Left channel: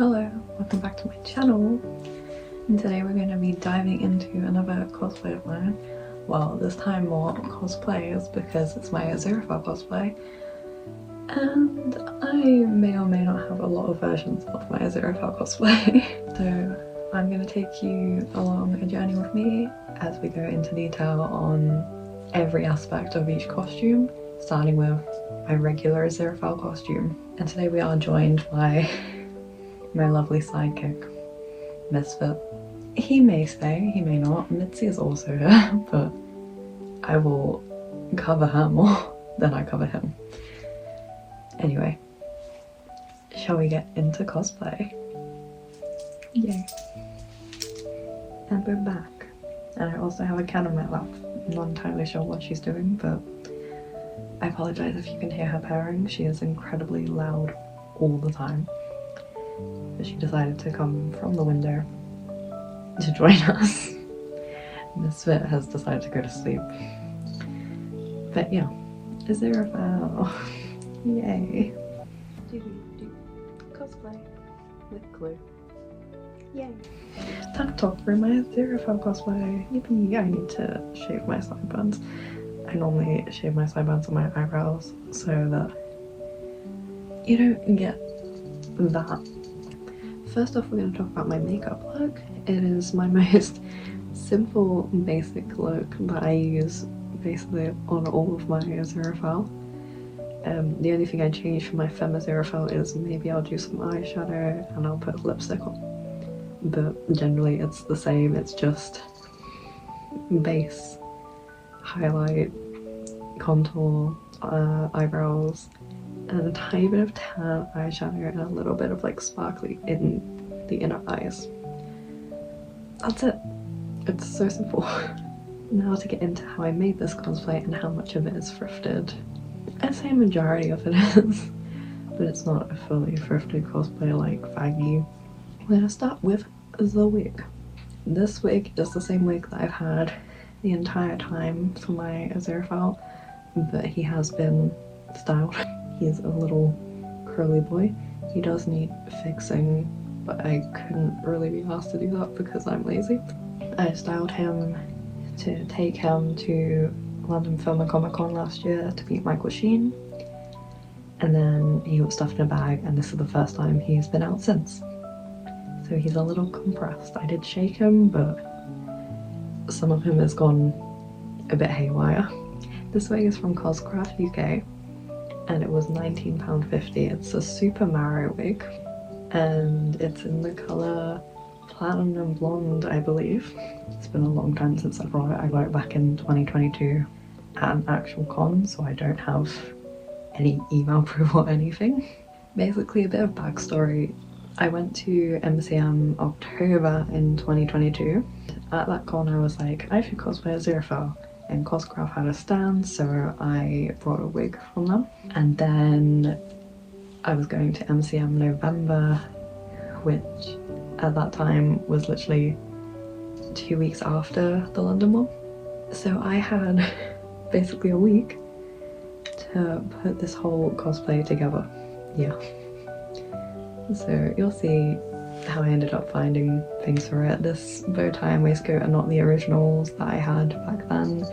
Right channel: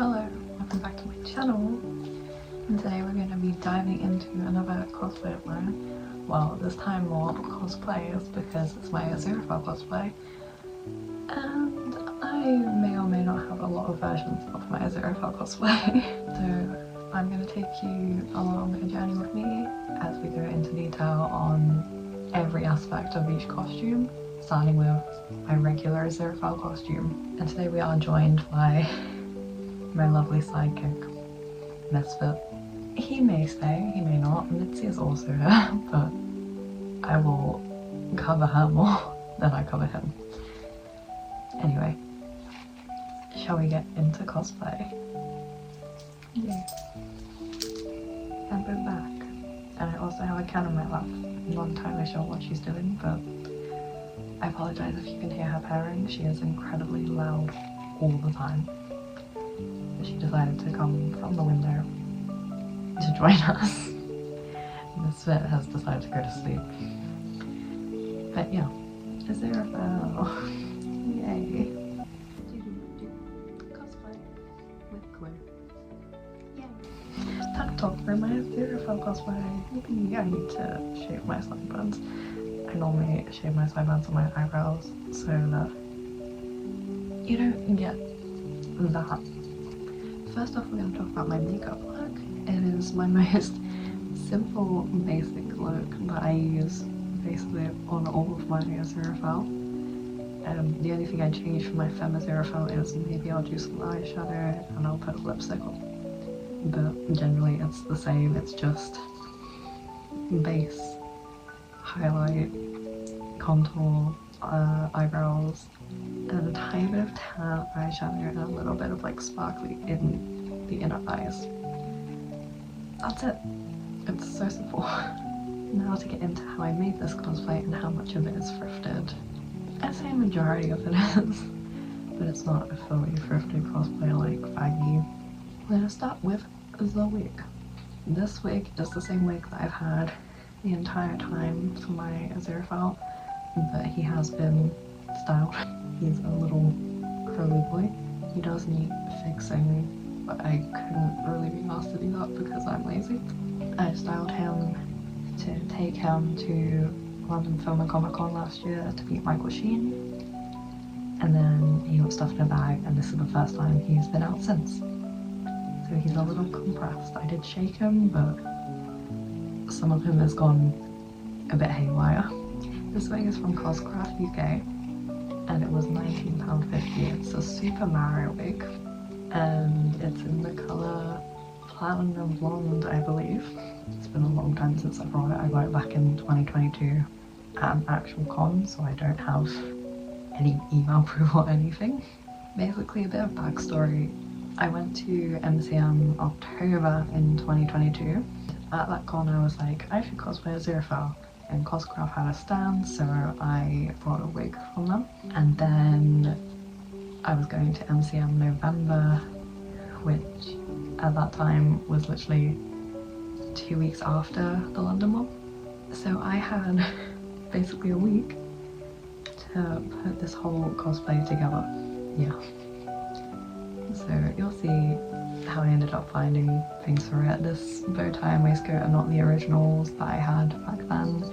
Hello, welcome back to my channel, and today we're going to be diving into another cosplay of mine. Well, this time more cosplays because it's my Aziraphale cosplay, and I may or may not have a lot of versions of my Aziraphale cosplay. So I'm going to take you along a journey with me as we go into detail on every aspect of each costume, starting with my regular Aziraphale costume. And today we are joined by my lovely sidekick, Misfit. He may stay, he may not. Mitzi is also here, but I will cover her more than I cover him. Anyway, shall we get into cosplay? Yay. And we're back. And I also have a cat on my lap. I'm not entirely sure what she's doing, but I apologise if you can hear her purring. She is incredibly loud all the time. But she decided to come from the window to join us. Misfit has decided to go to sleep. But yeah, Aziraphale. Yay. Cosplay with glue. Yay. Time to talk through my Aziraphale cosplay. Yippee, I need to shave my sideburns. I normally shave my sideburns on my eyebrows so that you don't get that. First off, we're going to talk about my makeup look. It is my most simple, basic look that I use basically on all of my Aziraphale. The only thing I change from my Femme Aziraphale is maybe I'll do some eyeshadow and I'll put lipstick on. But generally it's the same, it's just base, highlight, contour, eyebrows, and a tiny bit of tan eyeshadow and a little bit of like sparkly in the inner eyes. That's it. It's so simple. Now to get into how I made this cosplay and how much of it is thrifted. I'd say a majority of it is, but it's not a fully thrifted cosplay like Faggy. We're gonna start with the wig. This wig is the same wig that I've had the entire time for my Aziraphale, but he has been styled. He's a little curly boy. He does need fixing, but I couldn't really be asked to do that because I'm lazy. I styled him to take him to London Film and Comic Con last year to meet Michael Sheen, and then he was stuffed in a bag, and this is the first time he's been out since. So he's a little compressed. I did shake him, but some of him has gone a bit haywire. This wig is from Coscraft UK, and it was £19.50. It's a Super Mario wig, and it's in the colour Platinum Blonde, I believe. It's been a long time since I brought it. I got it back in 2022 at an actual con, so I don't have any email proof or anything. Basically, a bit of backstory. I went to MCM October in 2022. At that con I was like, I should cosplay Aziraphale, and Coscraft had a stand, so I brought a wig from them. And then I was going to MCM November, which at that time was literally 2 weeks after the London one. So I had basically a week to put this whole cosplay together. Yeah. So you'll see how I ended up finding things for it. This bow tie and waistcoat are not the originals that I had back then,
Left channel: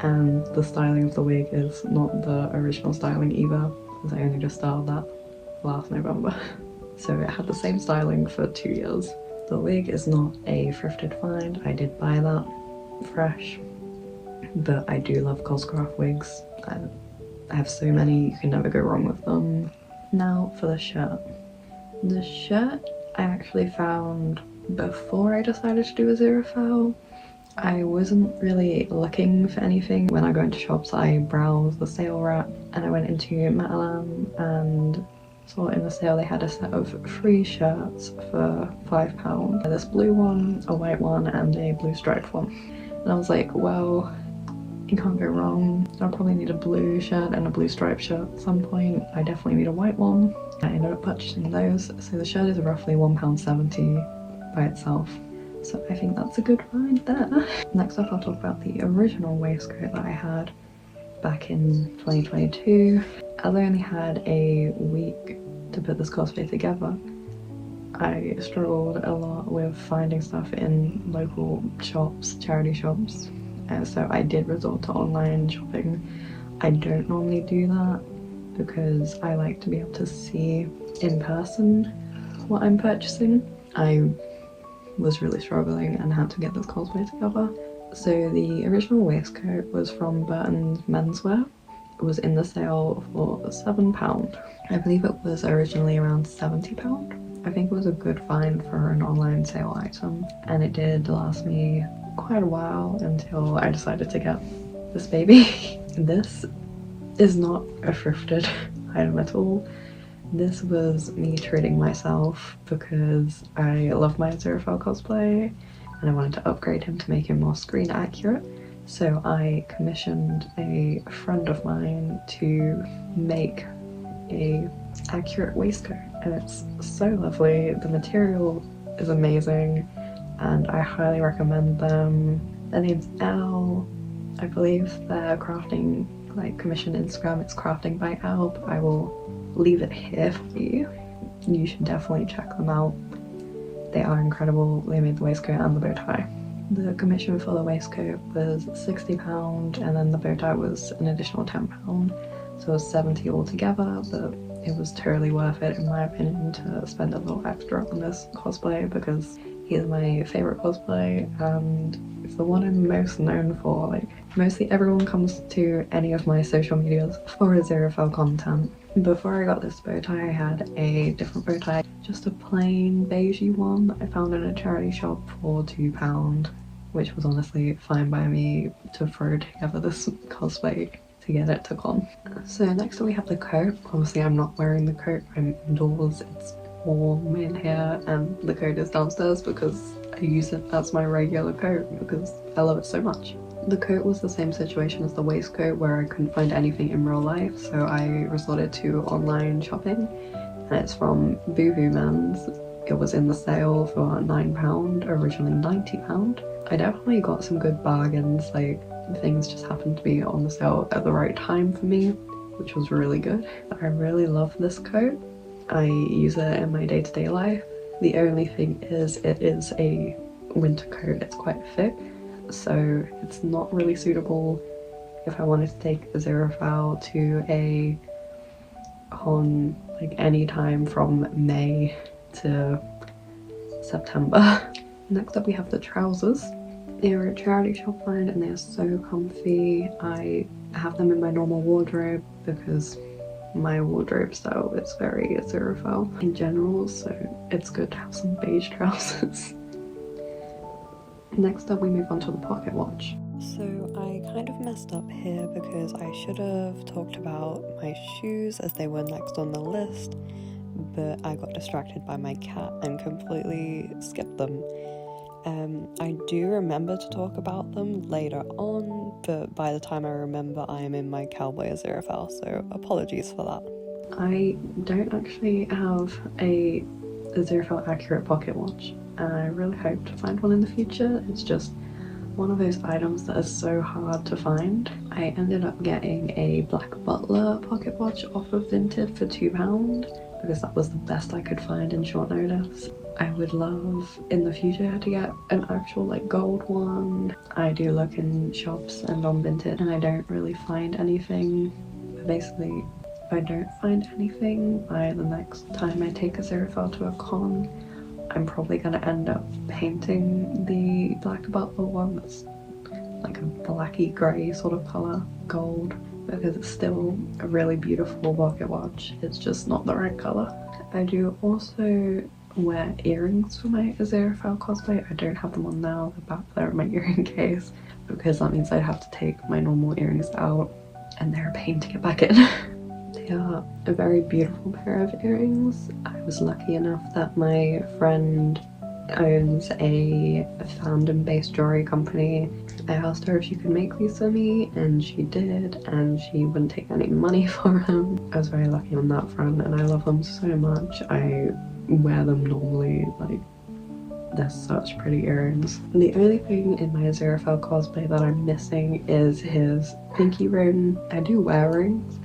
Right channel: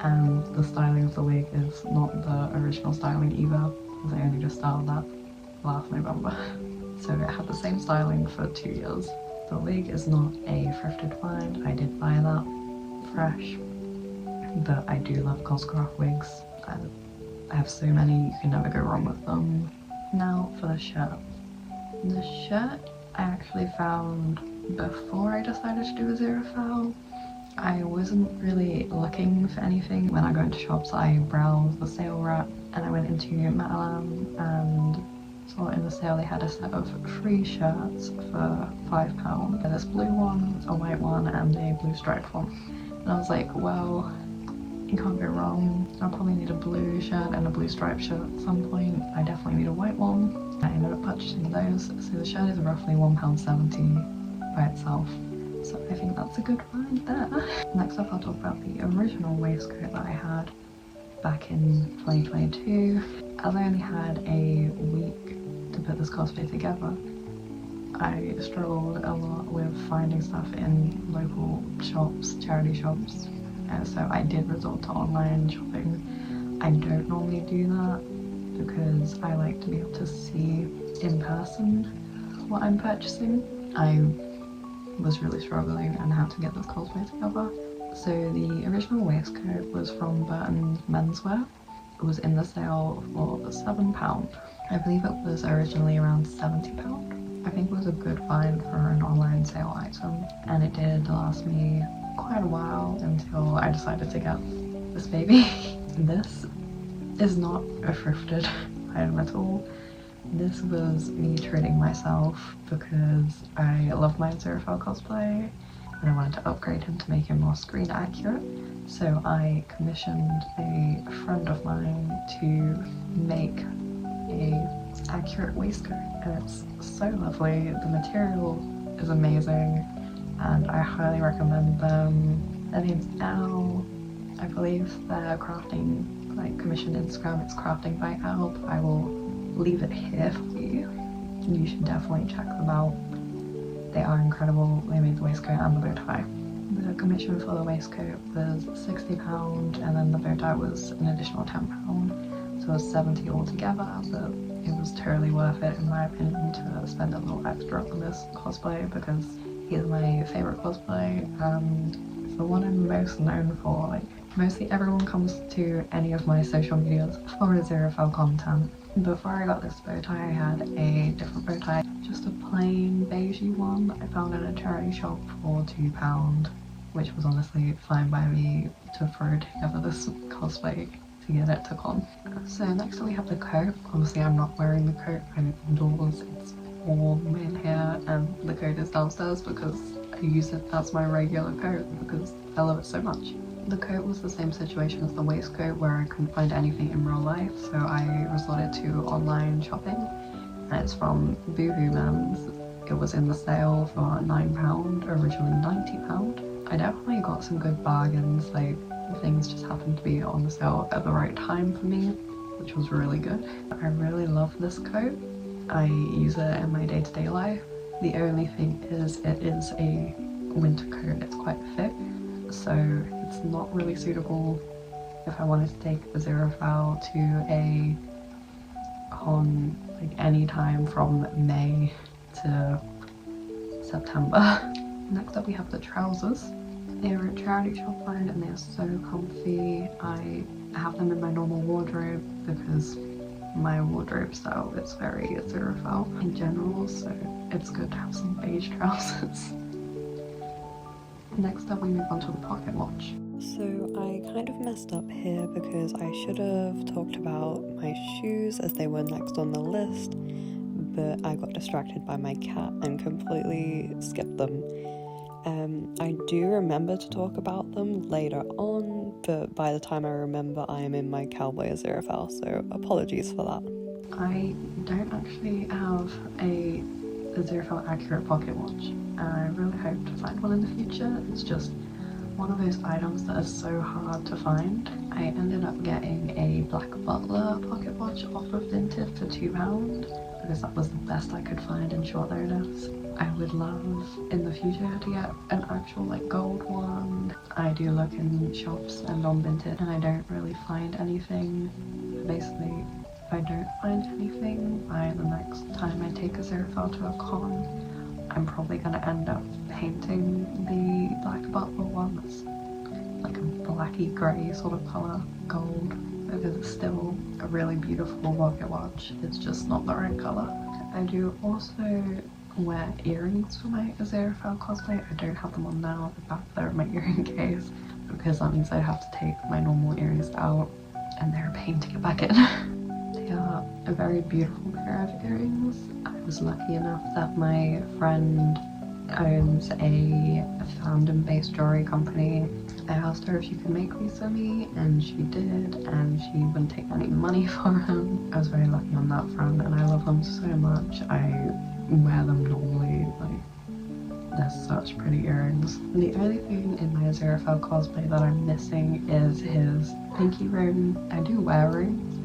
and the styling of the wig is not the original styling either, because I only just styled that last November. So it had the same styling for 2 years. The wig is not a thrifted find. I did buy that fresh, but I do love Coscraft wigs. I have so many, you can never go wrong with them. Now for the shirt. The shirt I actually found before I decided to do Aziraphale. I wasn't really looking for anything. When I go into shops, I browse the sale rack, and I went into Matalan and saw in the sale they had a set of 3 shirts for £5. This blue one, a white one, and a blue striped one. And I was like, well, you can't go wrong. I'll probably need a blue shirt and a blue striped shirt at some point. I definitely need a white one. I ended up purchasing those. So the shirt is roughly £1.70 by itself. So I think that's a good find there. Next up, I'll talk about the original waistcoat that I had back in 2022. As I only had a week to put this cosplay together, I struggled a lot with finding stuff in local shops, charity shops, and so I did resort to online shopping. I don't normally do that because I like to be able to see in person what I'm purchasing. I was really struggling and had to get this cosplay together. So the original waistcoat was from Burton's Menswear. It was in the sale for £7. I believe it was originally around £70. I think it was a good find for an online sale item, and it did last me quite a while until I decided to get this baby. This is not a thrifted item at all. This was me treating myself because I love my Aziraphale cosplay and I wanted to upgrade him to make him more screen accurate. So I commissioned a friend of mine to make a accurate waistcoat, and it's so lovely. The material is amazing and I highly recommend them. Their name's Elle. I believe their crafting commission Instagram, it's crafting by Elle, but I will leave it here for you. You should definitely check them out. They are incredible. They made the waistcoat and the bow tie. The commission for the waistcoat was £60 and then the bow tie was an additional £10, so it was £70 altogether, but it was totally worth it in my opinion to spend a little extra on this cosplay because he's my favourite cosplay and it's the one I'm most known for. Like, mostly everyone comes to any of my social medias for Aziraphale content. Before I got this bow tie, I had a different bow tie, just a plain beigey one that I found in a charity shop for £2, which was honestly fine by me to throw together this cosplay to get it to con. So next up we have the coat. Obviously I'm not wearing the coat, I'm indoors, it's warm in here and the coat is downstairs because I use it as my regular coat because I love it so much. The coat was the same situation as the waistcoat where I couldn't find anything in real life, so I resorted to online shopping, and it's from Boohoo Men's. It was in the sale for £9, originally £90. I definitely got some good bargains, like things just happened to be on the sale at the right time for me, which was really good. I really love this coat. I use it in my day-to-day life. The only thing is it is a winter coat, it's quite thick, so it's not really suitable if I wanted to take Aziraphale to a con like any time from May to September. Next up we have the trousers. They are a charity shop find and they are so comfy. I have them in my normal wardrobe because my wardrobe style is very Aziraphale in general, so it's good to have some beige trousers. Next up we move on to the pocket watch. So I kind of messed up here because I should have talked about my shoes as they were next on the list, but I got distracted by my cat and completely skipped them. I do remember to talk about them later on, but by the time I remember I am in my Cowboy Aziraphale, so apologies for that. I don't actually have a Aziraphale accurate pocket watch, and I really hope to find one in the future. It's just one of those items that is so hard to find. I ended up getting a Black Butler pocket watch off of Vinted for £2 because that was the best I could find in short notice. I would love in the future to get an actual gold one. I do look in shops and on Vinted and I don't really find anything. But basically, if I don't find anything by the next time I take Aziraphale to a con, I'm probably going to end up painting the Black Butler one that's like a blacky grey sort of colour, gold, because it's still a really beautiful pocket watch. It's just not the right colour. I do also wear earrings for my Aziraphale cosplay. I don't have them on now, they're back there in my earring case, because that means I'd have to take my normal earrings out and they're a pain to get back in. They are a very beautiful pair of earrings. I was lucky enough that my friend owns a fandom-based jewelry company. I asked her if she could make these for me and she did, and she wouldn't take any money for them. I was very lucky on that front and I love them so much. I wear them normally, they're such pretty earrings. And the only thing in my Aziraphale cosplay that I'm missing is his pinky ring. I do wear rings,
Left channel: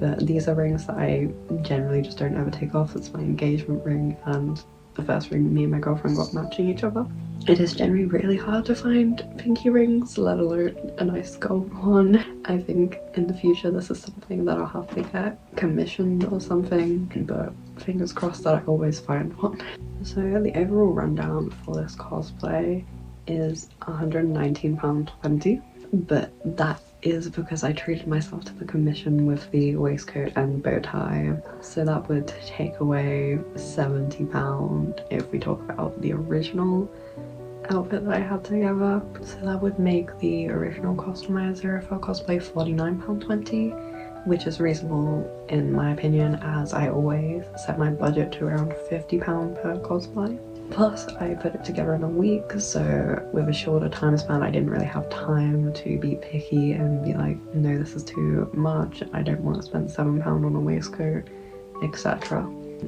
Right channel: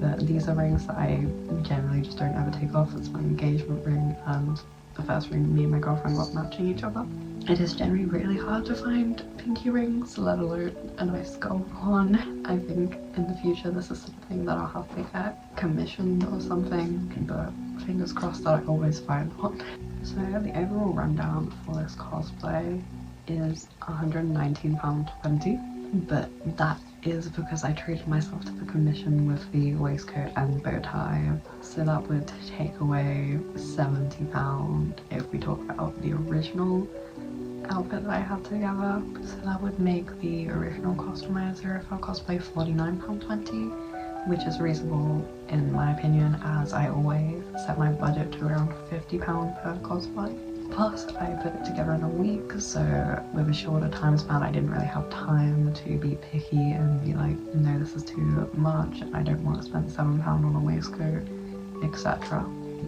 but these are rings that I generally just don't ever take off. It's my engagement ring and the first ring me and my girlfriend got matching each other. It is generally really hard to find pinky rings, let alone a nice gold one. I think in the future this is something that I'll have to get commissioned or something, but fingers crossed that I always find one. So the overall rundown for this cosplay is £119.20, but that is because I treated myself to the commission with the waistcoat and bow tie, so that would take away £70 if we talk about the original outfit that I had together. So that would make the original cost for my Aziraphale cosplay £49.20, which is reasonable in my opinion, as I always set my budget to around £50 per cosplay. Plus I put it together in a week, so with a shorter time span I didn't really have time to be picky and be like, no, this is too much, I don't want to spend £7 on a waistcoat, etc.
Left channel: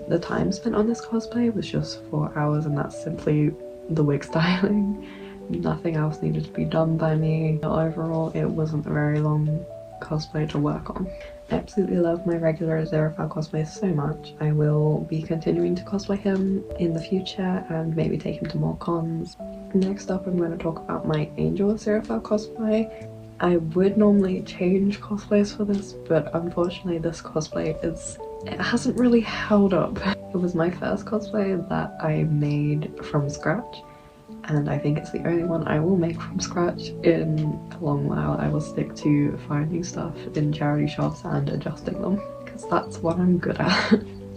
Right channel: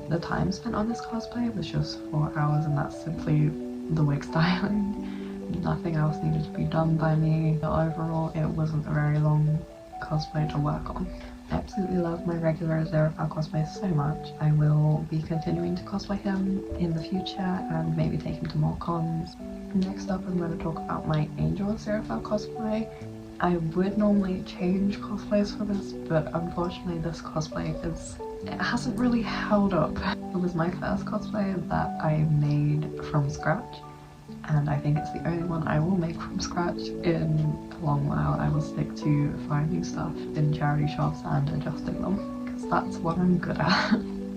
The time spent on this cosplay was just 4 hours, and that's simply the wig styling. Nothing else needed to be done by me. Overall, it wasn't a very long cosplay to work on. I absolutely love my regular Aziraphale cosplay so much. I will be continuing to cosplay him in the future and maybe take him to more cons. Next up, I'm going to talk about my Angel Aziraphale cosplay. I would normally change cosplays for this, but unfortunately this cosplay it hasn't really held up. It was my first cosplay that I made from scratch, and I think it's the only one I will make from scratch in a long while. I will stick to finding stuff in charity shops and adjusting them, because that's what I'm good at.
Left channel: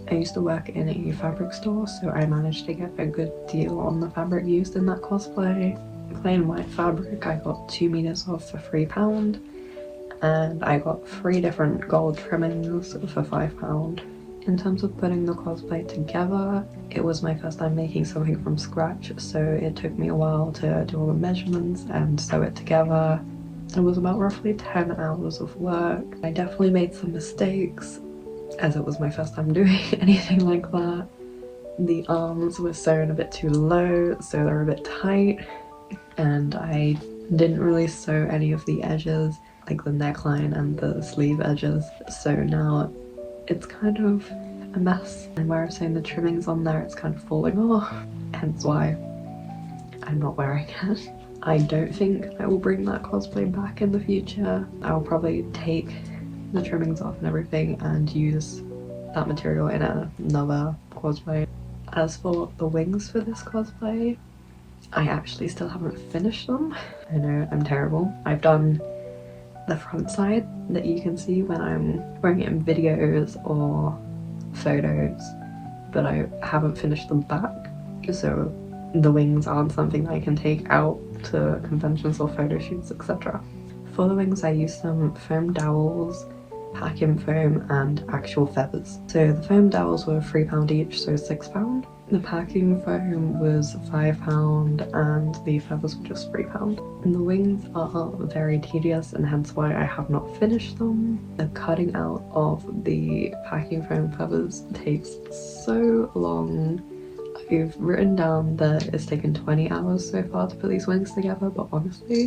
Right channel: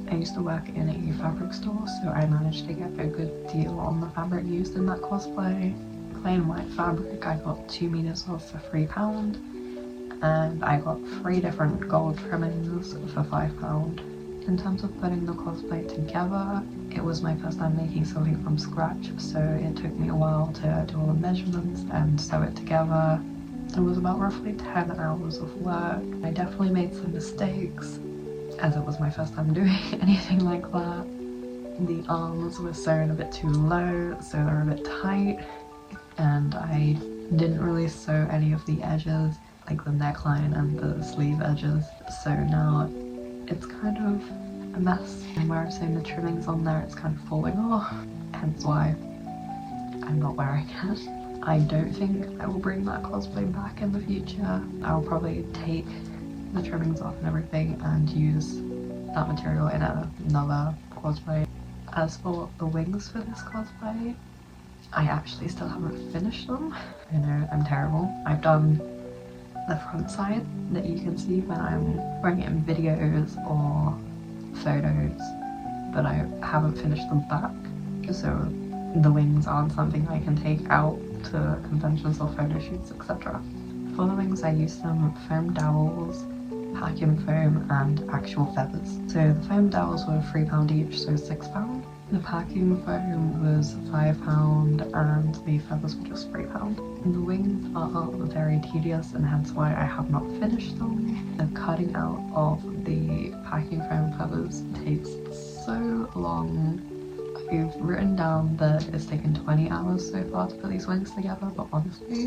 I used to work in a fabric store, so I managed to get a good deal on the fabric used in that cosplay. Plain white fabric, I got 2 meters off for £3, and I got 3 different gold trimmings for £5. In terms of putting the cosplay together, it was my first time making something from scratch, so it took me a while to do all the measurements and sew it together. It was about roughly 10 hours of work. I definitely made some mistakes, as it was my first time doing anything like that. The arms were sewn a bit too low, so they're a bit tight, and I didn't really sew any of the edges, like the neckline and the sleeve edges, so now it's kind of a mess. And where I'm saying the trimmings on there, it's kind of falling off, hence why I'm not wearing it. I don't think I will bring that cosplay back in the future. I'll probably take the trimmings off and everything and use that material in another cosplay. As for the wings for this cosplay, I actually still haven't finished them. I know, I'm terrible. I've done the front side that you can see when I'm wearing it in videos or photos, but I haven't finished the back, so the wings aren't something I can take out to conventions or photo shoots, etc. For the wings I used some foam dowels, packing foam and actual feathers. So the foam dowels were £3 each, so £6. The packing foam was £5 and the feathers were just £3. And the wings are very tedious, and hence why I have not finished them. The cutting out of the packing foam feathers takes so long. I've written down that it's taken 20 hours so far to put these wings together, but honestly,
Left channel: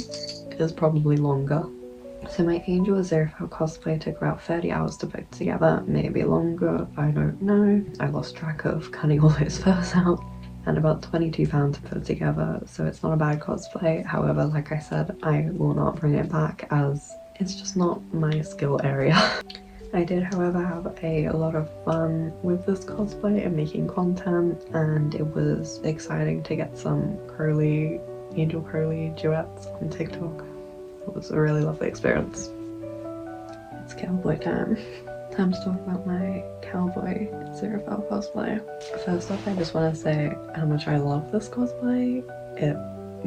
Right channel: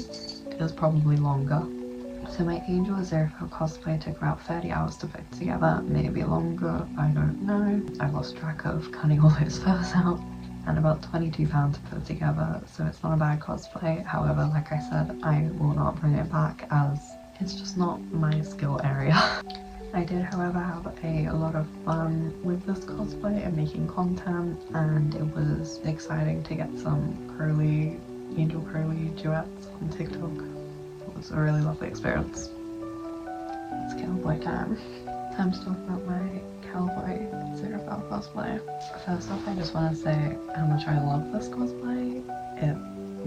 it is probably longer. So my Angel Aziraphale cosplay took about 30 hours to put together, maybe longer, I don't know. I lost track of cutting all those furs out, and about £22 to put together, so it's not a bad cosplay. However, like I said, I will not bring it back as it's just not my skill area. I did, however, have a lot of fun with this cosplay and making content, and it was exciting to get some Angel curly duets on TikTok. It was a really lovely experience. It's Cowboy time. Time to talk about my Cowboy Aziraphale cosplay. First off, I just want to say how much I love this cosplay. It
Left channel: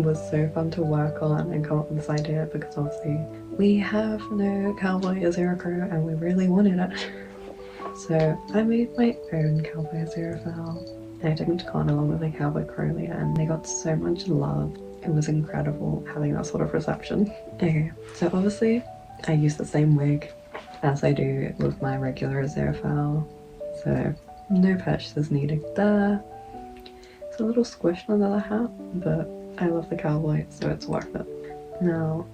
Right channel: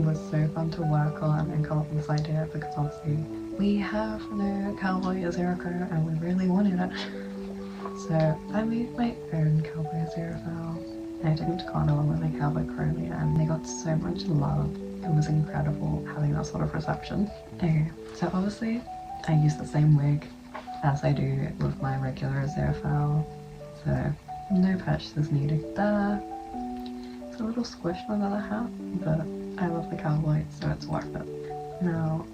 was so fun to work on and come up with this idea, because obviously we have no Cowboy Aziraphale and we really wanted it. So I made my own Cowboy Aziraphale, and I took him to con along with a Cowboy Crowley, and they got so much love. It was incredible having that sort of reception. Okay, so obviously I use the same wig as I do with my regular Aziraphale, so no purchases needed there. It's a little squished under the hat, but I love the cowboy, so it's worth it. Now,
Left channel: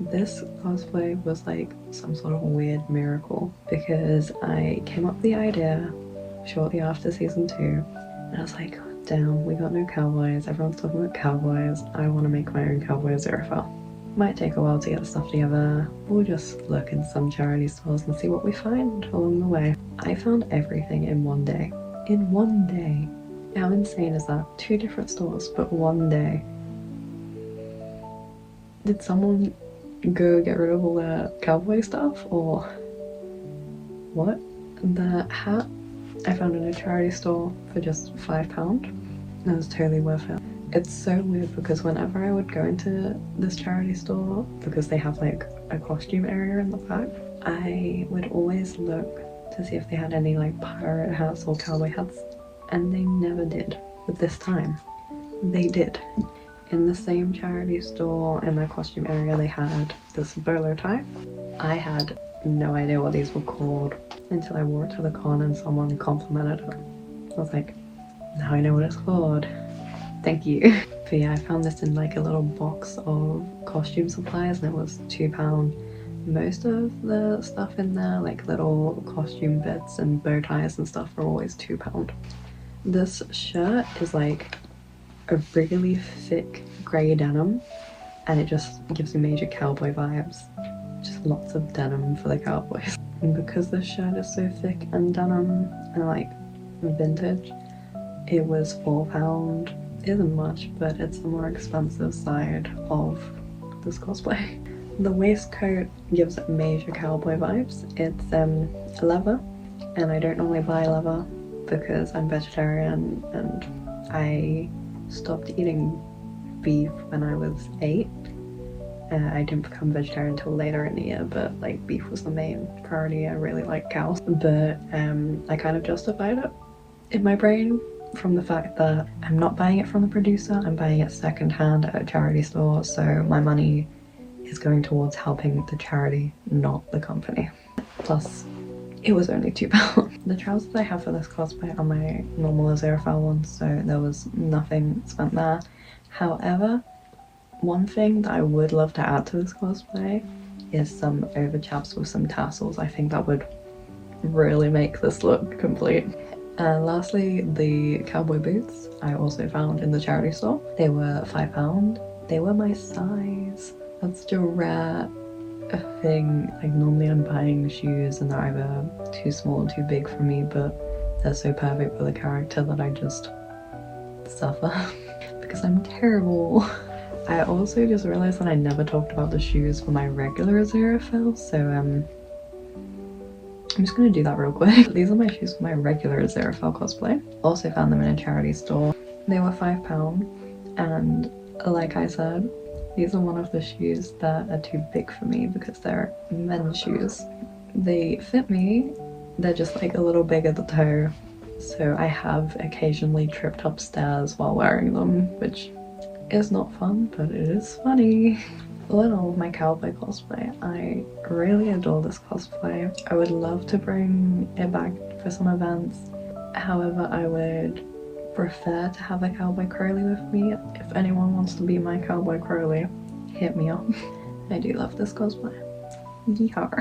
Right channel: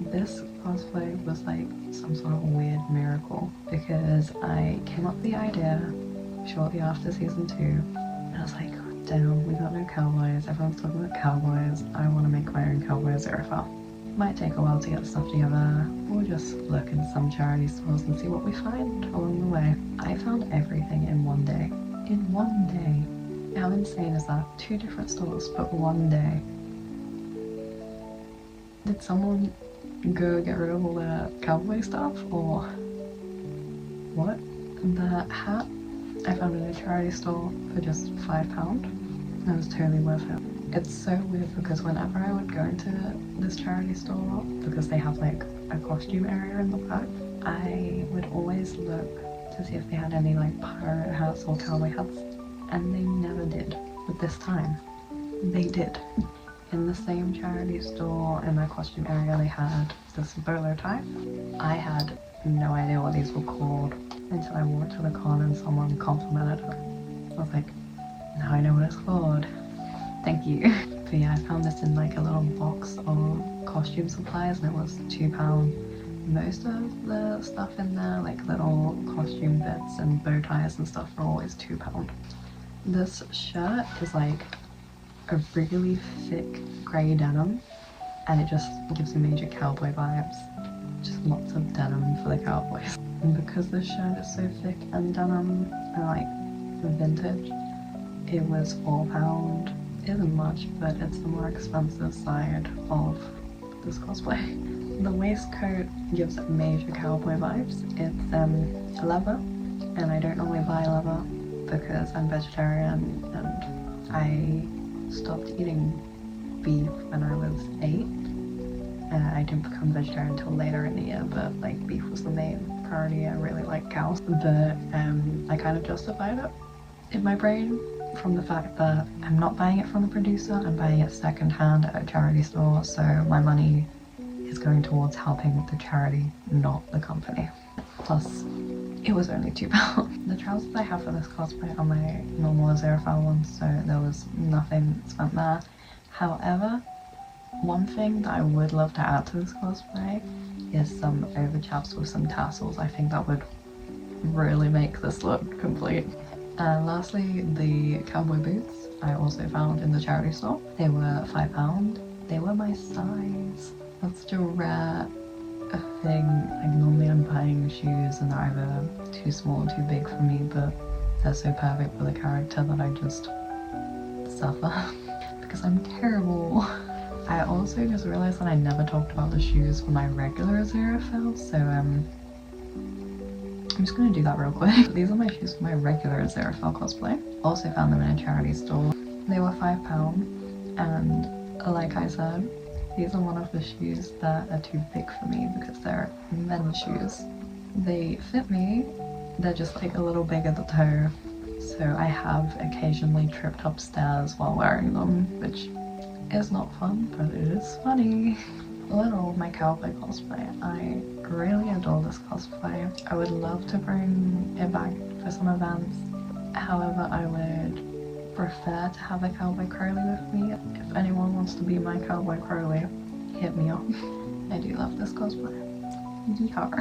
this cosplay was like some sort of weird miracle, because I came up with the idea shortly after season 2, and I was like, damn, we got no Cowboys. Everyone's talking about Cowboys. I want to make my own Cowboy Aziraphale. Might take a while to get stuff together. We'll just look in some charity stores and see what we find along the way. I found everything in one day. In one day. How insane is that? 2 different stores, but one day. Did someone go get rid of all their Cowboy stuff, or what? The hat I found in a charity store for just £5. That was totally worth it. It's so weird because whenever I would go into this charity store, because they have like a costume area in the back, I would always look to see if they had any like pirate hats or cowboy hats, and they never did. But this time, they did. In the same charity store in their costume area, they had this bowler tie. I had no idea what these were called until I wore it to the con and someone complimented it. I was like, now I know what it's called. Thank you. But yeah, I found this in like a little box of costume supplies and it was £2. Most of the stuff in there, like little costume bits and bow ties and stuff, are always £2. This shirt is like a really thick grey denim and it just gives me major cowboy vibes. Just lots of denim for the cowboys. And because this shirt is so thick and denim and like vintage, it was £4. It isn't much, but it's the more expensive side of this cosplay. The waistcoat gives major cowboy vibes. It's leather, and I don't normally buy leather because I'm vegetarian and I stopped eating beef when I was 8. I didn't become vegetarian until later in the year, but like beef was the main priority. I really like cows, but I kind of justified it in my brain from the fact that I'm not buying it from the producer, I'm buying it secondhand at a charity store, so my money is going towards helping the charity, not the company. Plus, it was only £2. The trousers I have for this cosplay are my normal Aziraphale ones, so there was nothing spent there. However, one thing that I would love to add to this cosplay is some overchaps with some tassels. I think that would really make this look complete. And lastly, the cowboy boots I also found in the charity store. They were £5. They were my size. That's such a rare thing. Like normally I'm buying shoes and they're either too small or too big for me, but they're so perfect for the character that I just suffer because I'm terrible. I also just realized that I never talked about the shoes for my regular Aziraphale, so I'm just gonna do that real quick. These are my shoes for my regular Aziraphale cosplay. Also found them in a charity store. They were £5, and like I said, these are one of the shoes that are too big for me because they're men's shoes. They fit me, they're just like a little big at the toe, so I have occasionally tripped upstairs while wearing them, which is not fun, but it is funny. All in all, my cowboy cosplay, I really adore this cosplay. I would love to bring it back for some events. However, I would prefer to have a cowboy Crowley with me. If anyone wants to be my cowboy Crowley, hit me up. I do love this cosplay. Yeehaw.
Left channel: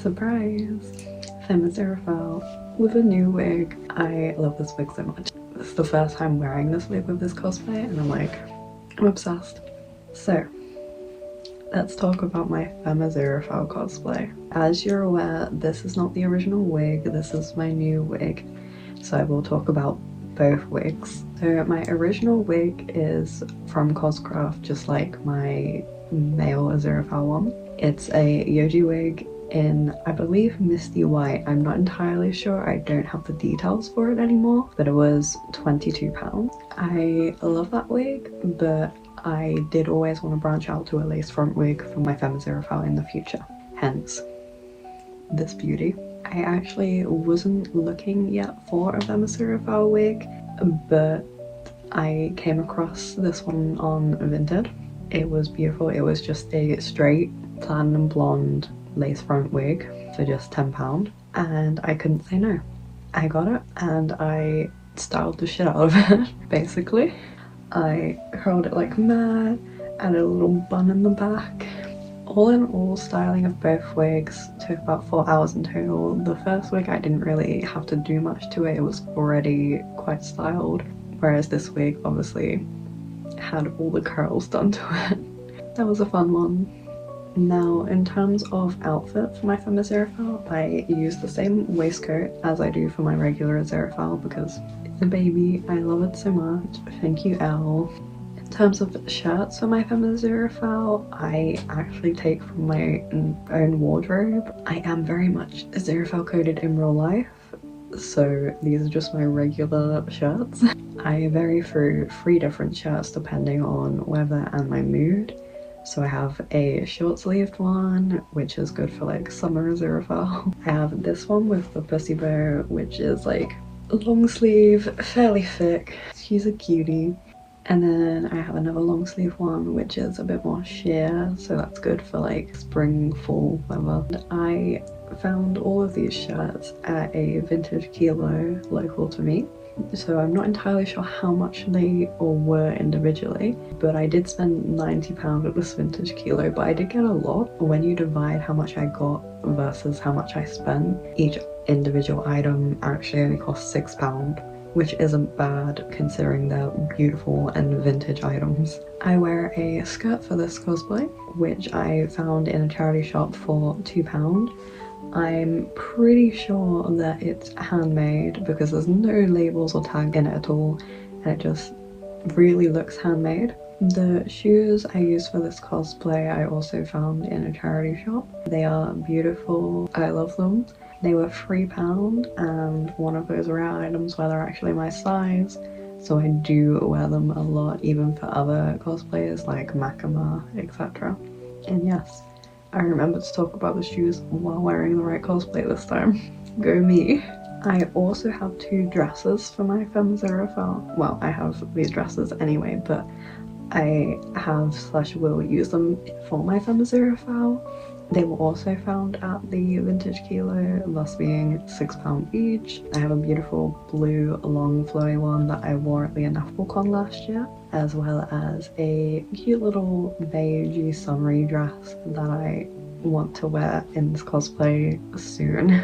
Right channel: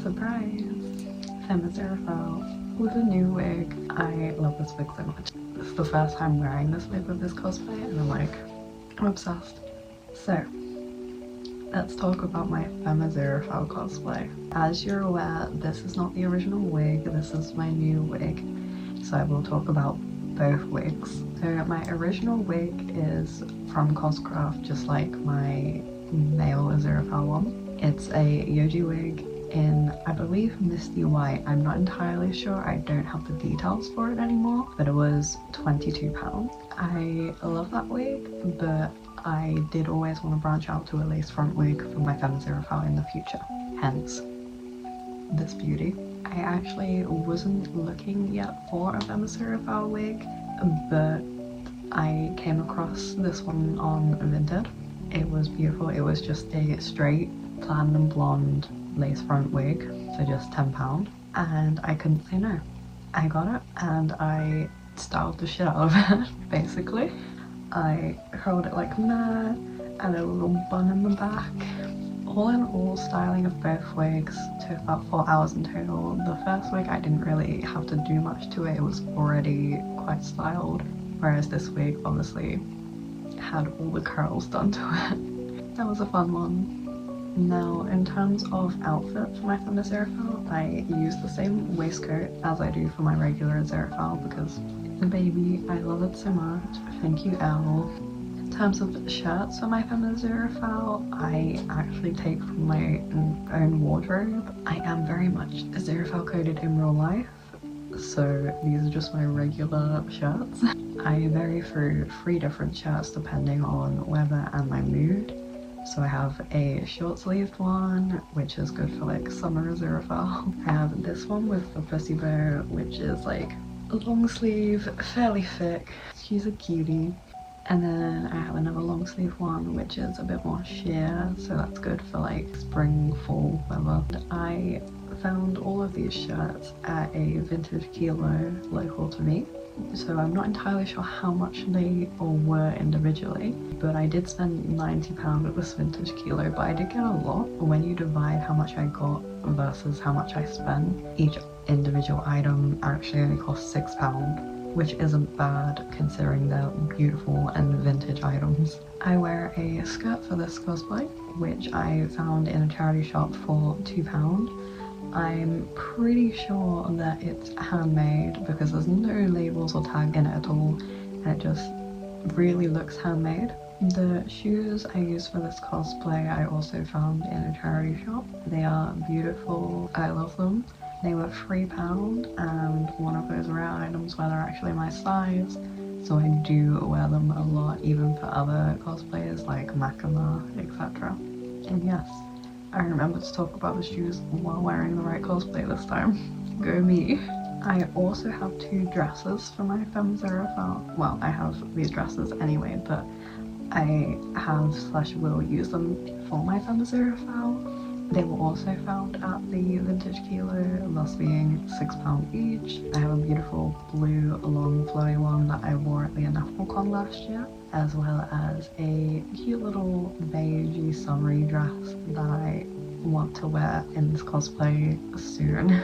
Surprise! Aziraphale with a new wig. I love this wig so much. This is the first time wearing this wig with this cosplay and I'm obsessed. So, let's talk about my Aziraphale cosplay. As you're aware, this is not the original wig, this is my new wig. So I will talk about both wigs. So my original wig is from Coscraft, just like my male Aziraphale one. It's a Yoji wig in, I believe, Misty White. I'm not entirely sure, I don't have the details for it anymore, but it was £22. I love that wig, but I did always want to branch out to a lace front wig for my Aziraphale in the future. Hence, this beauty. I actually wasn't looking yet for a Aziraphale wig, but I came across this one on Vinted. It was beautiful. It was just a straight platinum blonde lace front wig for just £10, and I couldn't say no. I got it and I styled the shit out of it, basically. I curled it like mad, added a little bun in the back. All in all, styling of both wigs took about 4 hours in total. The first wig I didn't really have to do much to it, it was already quite styled, whereas this wig obviously had all the curls done to it. That was a fun one. Now, in terms of outfit for my femme Aziraphale, I use the same waistcoat as I do for my regular Aziraphale because it's a baby. I love it so much. Thank you, Elle. In terms of shirts for my femme Aziraphale, I actually take from my own wardrobe. I am very much Aziraphale coded in real life, so these are just my regular shirts. I vary through 3 different shirts depending on weather and my mood. So I have a short-sleeved one, which is good for like summer Aziraphale. I have this one with the pussy bow, which is like long sleeve, fairly thick. She's a cutie. And then I have another long sleeve one, which is a bit more sheer, so that's good for like spring, fall weather. I found all of these shirts at a vintage kilo local to me. So I'm not entirely sure how much they all were individually, but I did spend £90 at this vintage kilo, but I did get a lot. When you divide how much I got versus how much I spent, each individual item actually only cost £6, which isn't bad considering they're beautiful and vintage items. I wear a skirt for this cosplay, which I found in a charity shop for £2. I'm pretty sure that it's handmade because there's no labels or tag in it at all, and it just really looks handmade. The shoes I use for this cosplay I also found in a charity shop. They are beautiful, I love them. They were £3, and one of those rare items where they're actually my size, so I do wear them a lot even for other cosplayers like Makama, etc. And yes, I remembered to talk about the shoes while wearing the right cosplay this time. Go me! I also have 2 dresses for my femme Aziraphale. Well, I have these dresses anyway, but I have / will use them for my femme Aziraphale. They were also found at the vintage kilo, thus being £6 each. I have a beautiful blue long flowy one that I wore at the Con last year, as well as a cute little beigey summery dress that I want to wear in this cosplay soon.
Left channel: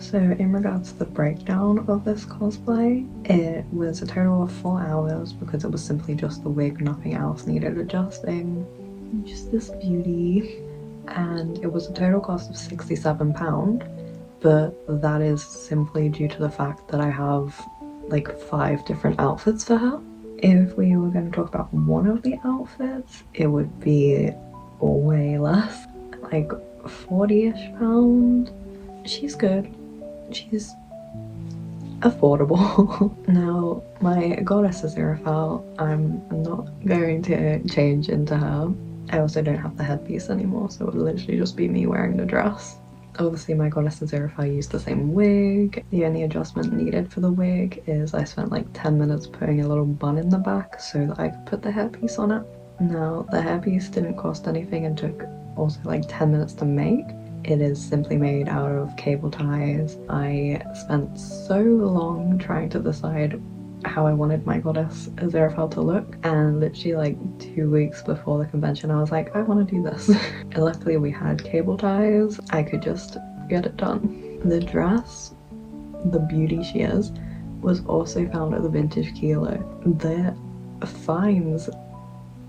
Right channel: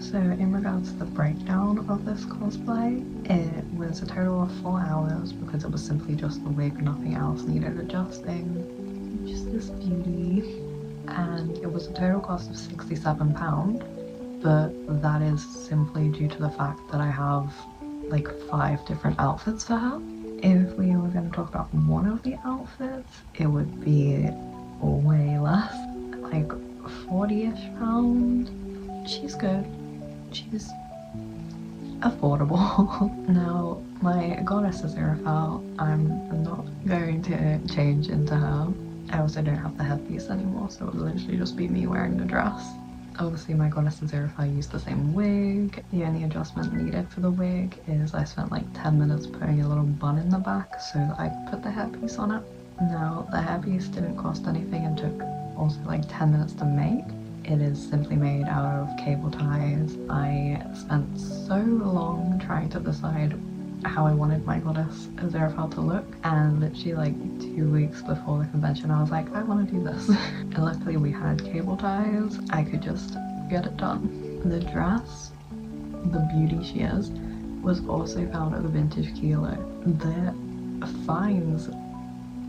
So in regards to the breakdown of this cosplay, it was a total of 4 hours because it was simply just the wig, nothing else needed adjusting. Just this beauty. And it was a total cost of £67, but that is simply due to the fact that I have like 5 different outfits for her. If we were going to talk about one of the outfits, it would be way less, like £40-ish. She's good, she's affordable. Now, my goddess Aziraphale, I'm not going to change into her. I also don't have the headpiece anymore, so it would literally just be me wearing the dress. Obviously my goddess Aziraphale used the same wig. The only adjustment needed for the wig is I spent like 10 minutes putting a little bun in the back so that I could put the hairpiece on it. Now, the hairpiece didn't cost anything and took also like 10 minutes to make. It is simply made out of cable ties. I spent so long trying to decide how I wanted my goddess Aziraphale to look, and literally like 2 weeks before the convention I was like, I want to do this. And luckily we had cable ties, I could just get it done. The dress, the beauty she is, was also found at the vintage kilo. The finds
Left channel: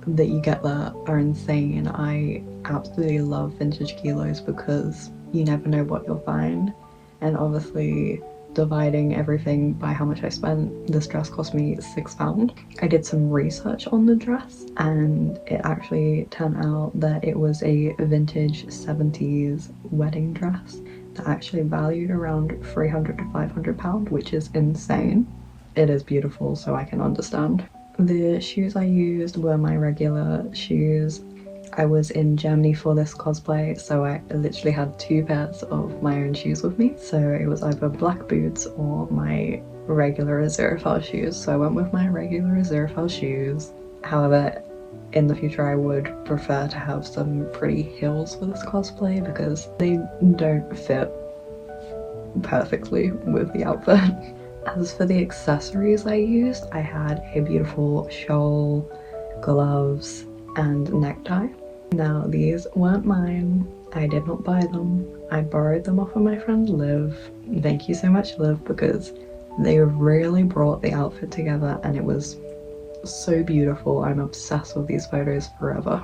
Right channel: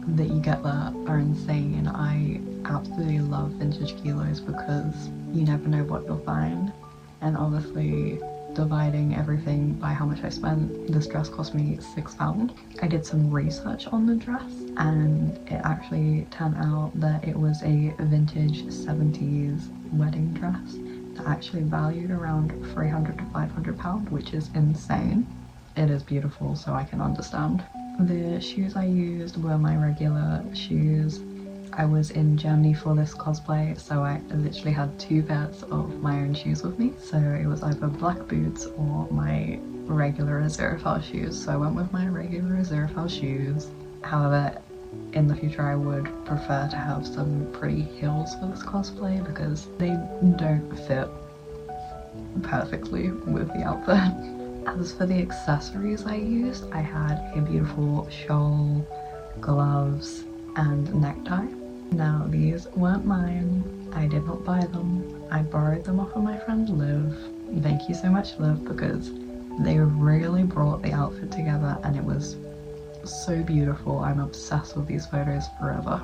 that you get there are insane. I absolutely love vintage kilos because you never know what you'll find, and obviously dividing everything by how much I spent, this dress cost me £6. I did some research on the dress and it actually turned out that it was a vintage 70s wedding dress that actually valued around £300 to £500, which is insane. It is beautiful, so I can understand. The shoes I used were my regular shoes. I was in Germany for this cosplay, so I literally had 2 pairs of my own shoes with me. So it was either black boots or my regular Aziraphale shoes. So I went with my regular Aziraphale shoes. However, in the future I would prefer to have some pretty heels for this cosplay because they don't fit perfectly with the outfit. As for the accessories I used, I had a beautiful shawl, gloves, and necktie. Now, these weren't mine. I did not buy them. I borrowed them off of my friend Liv. Thank you so much, Liv, because they really brought the outfit together and it was so beautiful. I'm obsessed with these photos forever.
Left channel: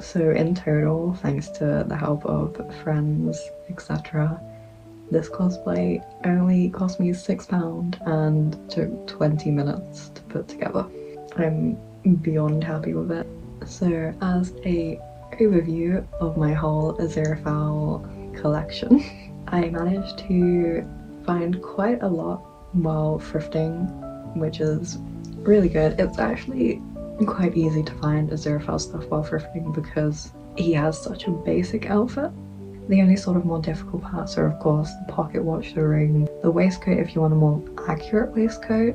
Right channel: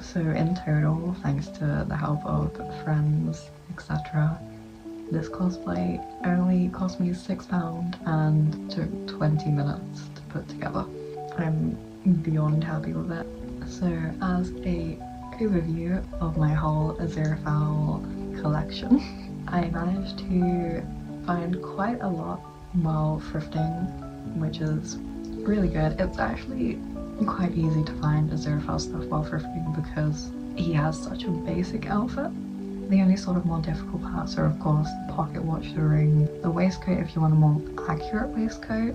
So in total, thanks to the help of friends, etc., this cosplay only cost me £6 and took 20 minutes to put together. I'm beyond happy with it. So as a overview of my whole Aziraphale collection, I managed to find quite a lot while thrifting, which is really good. It's actually quite easy to find Aziraphale stuff while thrifting because he has such a basic outfit. The only sort of more difficult parts are of course the pocket watch, the ring, the waistcoat if you want a more accurate waistcoat,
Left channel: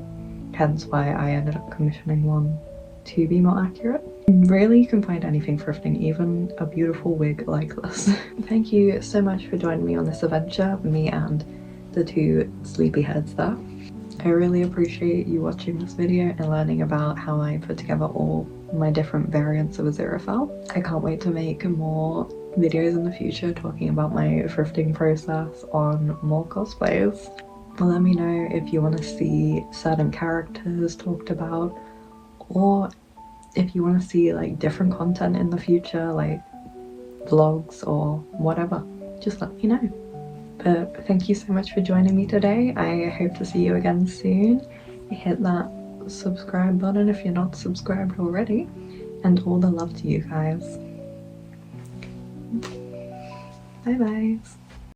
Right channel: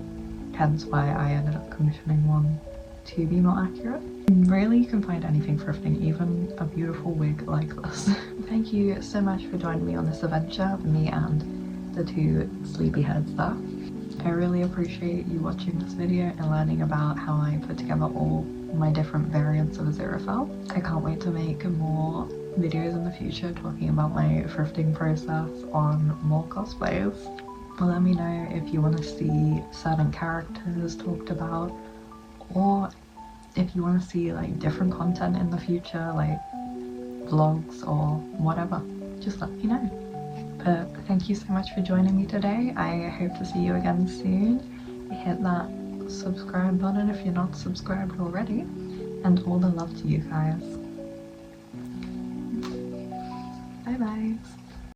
hence why I ended up commissioning one to be more accurate. Really, you can find anything thrifting, even a beautiful wig like this. Thank you so much for joining me on this adventure, me and the two sleepyheads there. I really appreciate you watching this video and learning about how I put together all my different variants of Aziraphale. I can't wait to make more videos in the future talking about my thrifting process on more cosplays. Let me know if you want to see certain characters talked about, or if you want to see like different content in the future, like vlogs or whatever, just let me know. But thank you so much for joining me today. I hope to see you again soon. Hit that subscribe button if you're not subscribed already, and all the love to you guys. Bye bye.